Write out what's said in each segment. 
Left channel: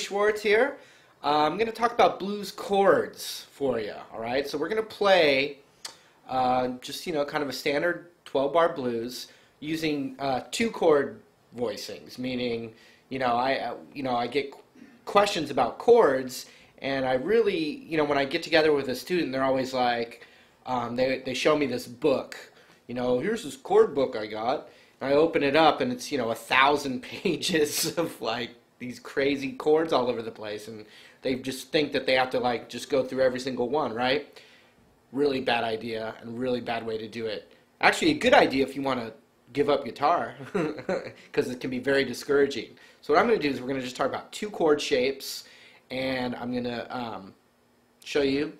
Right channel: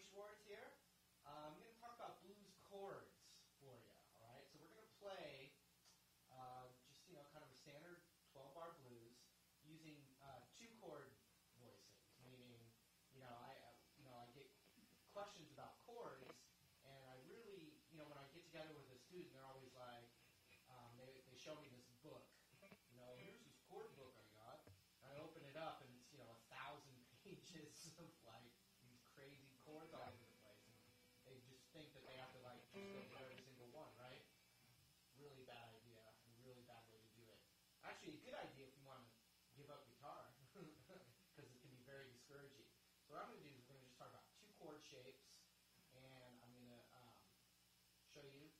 Schwartz here. I'm going to talk about blues chords for you, all right? So we're going to play just, kind of a standard 12-bar blues using two-chord voicings, meaning, I get questions about chords, and I really, when I get together with a student, they're always like, they show me this book, here's this chord book I got, and I open it up, and it's, 1,000 pages of, like, these crazy chords all over the place, and they just think that they have to, just go through every single one, right? Really bad idea, and really bad way to do it. Actually, a good idea if you want to give up guitar, because it can be very discouraging. So what I'm going to do is we're going to just talk about two chord shapes, and I'm going to show you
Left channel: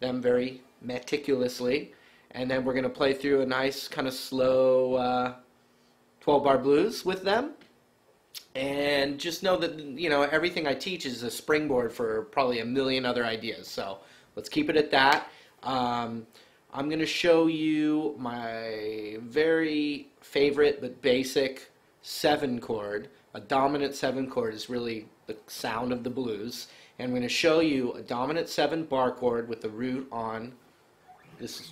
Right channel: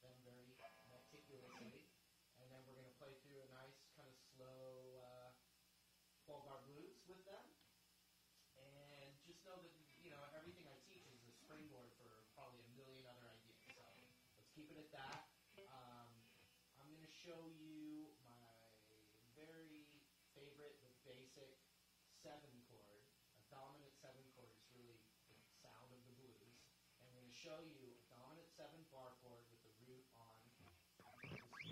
them very meticulously, and then we're going to play through a nice kind of slow 12-bar blues with them. And just know that, everything I teach is a springboard for probably a million other ideas. So let's keep it at that. I'm going to show you my very favorite but basic 7 chord. A dominant 7 chord is really the sound of the blues. And I'm going to show you a dominant 7 bar chord with the root on this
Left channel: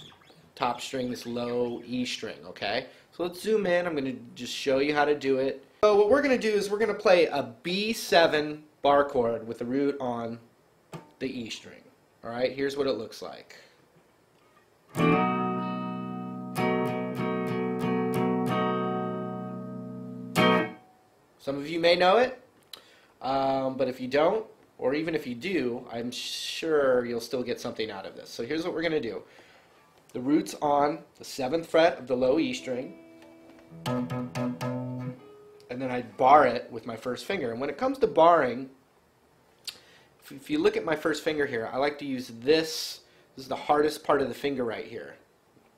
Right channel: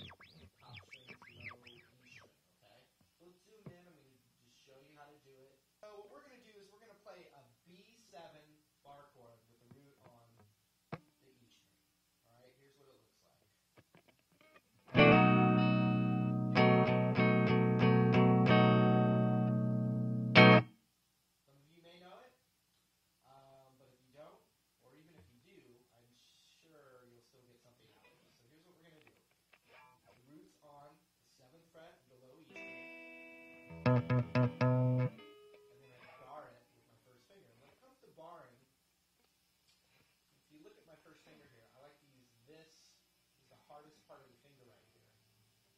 top string, this low E string, okay? So let's zoom in. I'm going to just show you how to do it. So what we're going to do is we're going to play a B7 bar chord with the root on the E string. All right, here's what it looks like. Some of you may know it, but if you don't, or even if you do, I'm sure you'll still get something out of this. So here's what we're going to do. The root's on the 7th fret of the low E string, and then I bar it with my first finger. And when it comes to barring, if you look at my first finger here, I like to use this. This is the hardest part of the finger right here,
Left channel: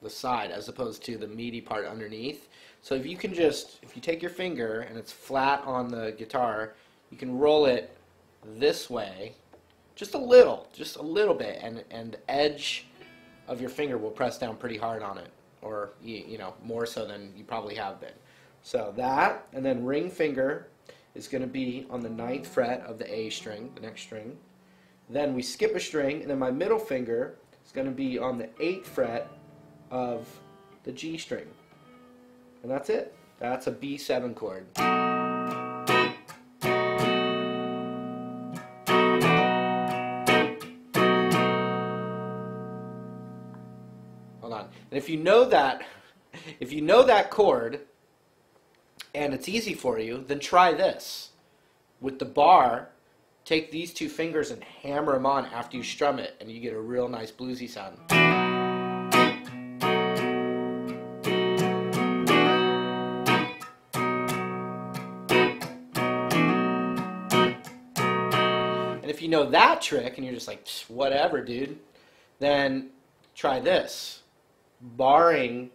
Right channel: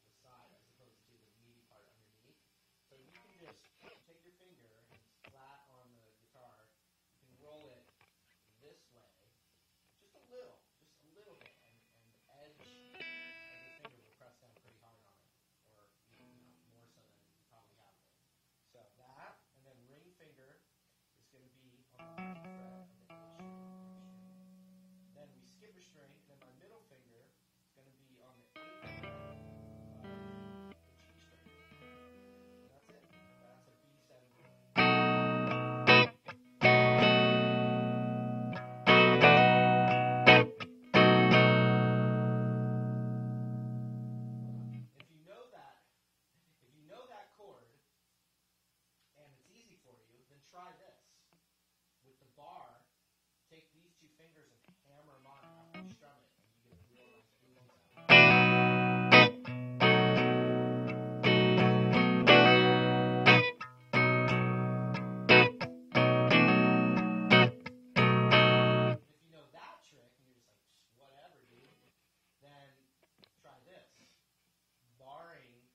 the side, as opposed to the meaty part underneath. So if you take your finger and it's flat on the guitar, you can roll it this way, just a little bit, and the edge of your finger will press down pretty hard on it, or more so than you probably have been. So that, and then ring finger is going to be on the 9th fret of the A string, the next string. Then we skip a string, and then my middle finger is going to be on the 8th fret of the G string. And that's it. That's a B7 chord. Hold on. And if you know that chord, and it's easy for you, then try this. With the bar, take these 2 fingers and hammer them on after you strum it, and you get a real nice bluesy sound. And if you know that trick, and you're just like, whatever, dude, then try this. Barring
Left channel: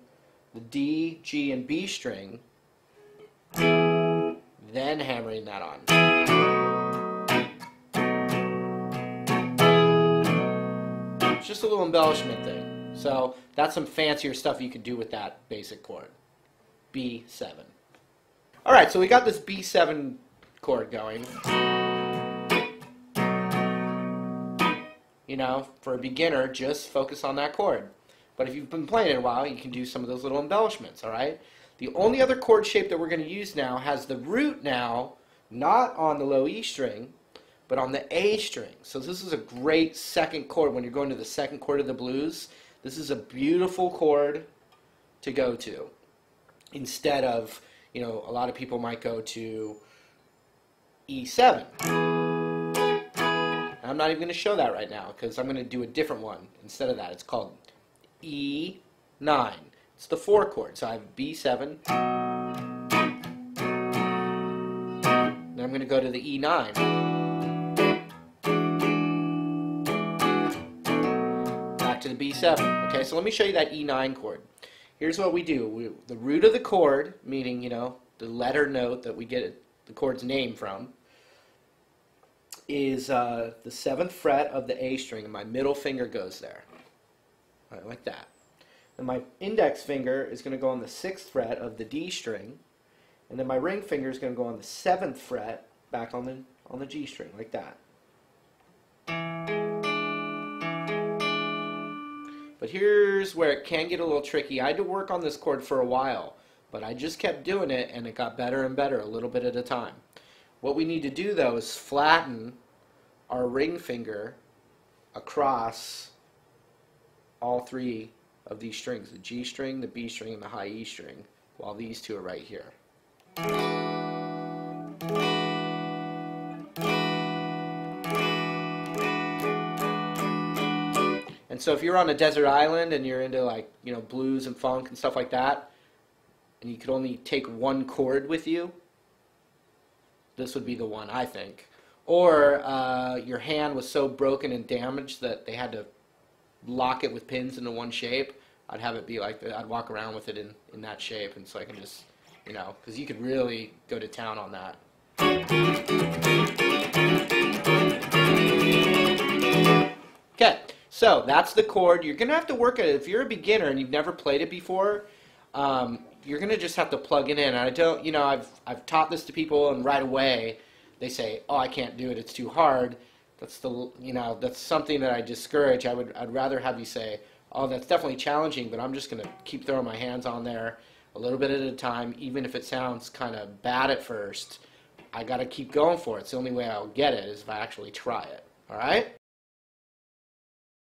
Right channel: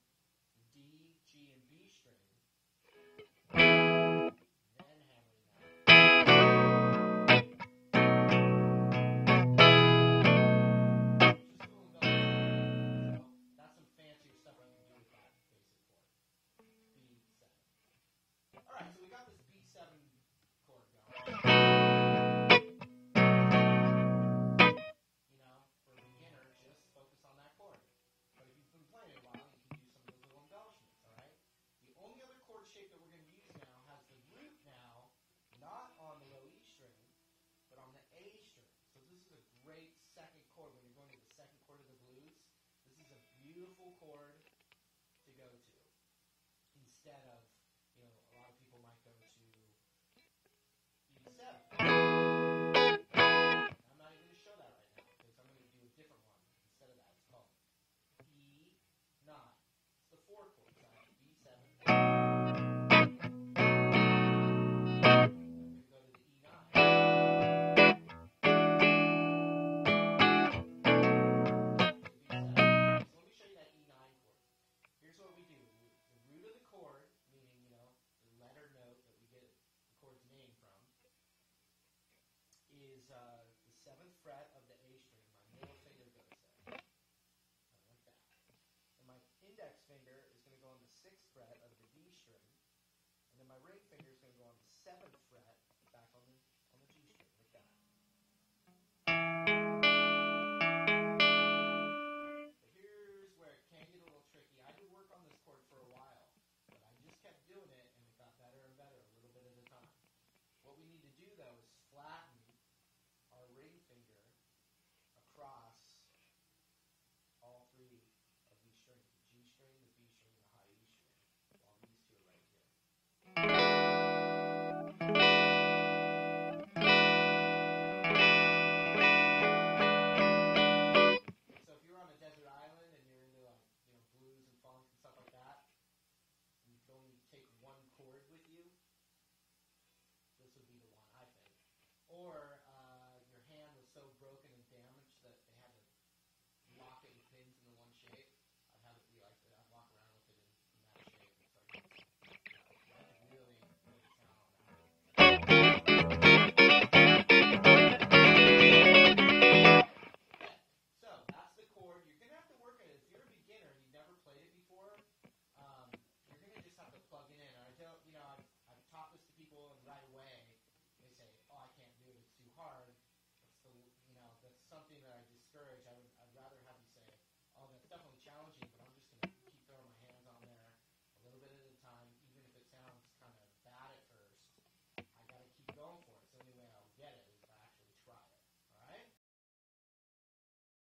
the D, G, and B string, then hammering that on. It's just a little embellishment thing. So that's some fancier stuff you could do with that basic chord. B7. Alright, so we got this B7 chord going. For a beginner, just focus on that chord. But if you've been playing it a while, you can do some of those little embellishments, alright? The only other chord shape that we're going to use now has the root now not on the low E string, but on the A string. So this is a great 2nd chord when you're going to the 2nd chord of the blues. This is a beautiful chord to go to. Instead of, a lot of people might go to E7. And I'm not even going to show that right now because I'm going to do a different one instead of that. It's called E9. It's the 4 chord, so I have B7. Then I'm going to go to the E9. Back to the B7. Okay, so let me show you that E9 chord. Here's what we do. The root of the chord, meaning, the letter note that we get the chord's name from, is the 7th fret of the A string, and my middle finger goes there. All right, like that. And my index finger is going to go on the 6th fret of the D string, and then my ring finger is going to go on the 7th fret, back on the on the G string, like that. But here's where it can get a little tricky. I had to work on this chord for a while, but I just kept doing it, and it got better and better, a little bit at a time. What we need to do, though, is flatten our ring finger across all three of these strings, the G string, the B string, and the high E string, while these two are right here. And so if you're on a desert island and you're into, like, you know, blues and funk and stuff like that, and you could only take one chord with you, this would be the one, I think. Or your hand was so broken and damaged that they had to lock it with pins into one shape, I'd have it be like that. I'd walk around with it in that shape, and so I can just, you know, because you could really go to town on that. Okay, so that's the chord. You're going to have to work at it. If you're a beginner and you've never played it before, you're going to just have to plug it in. And I don't, you know, I've taught this to people, and right away they say, oh, I can't do it, it's too hard. That's the, you know, that's something that I discourage. I'd rather have you say, oh, that's definitely challenging, but I'm just going to keep throwing my hands on there a little bit at a time, even if it sounds kind of bad at first. I got to keep going for it. It's the only way I'll get it is if I actually try it. All right?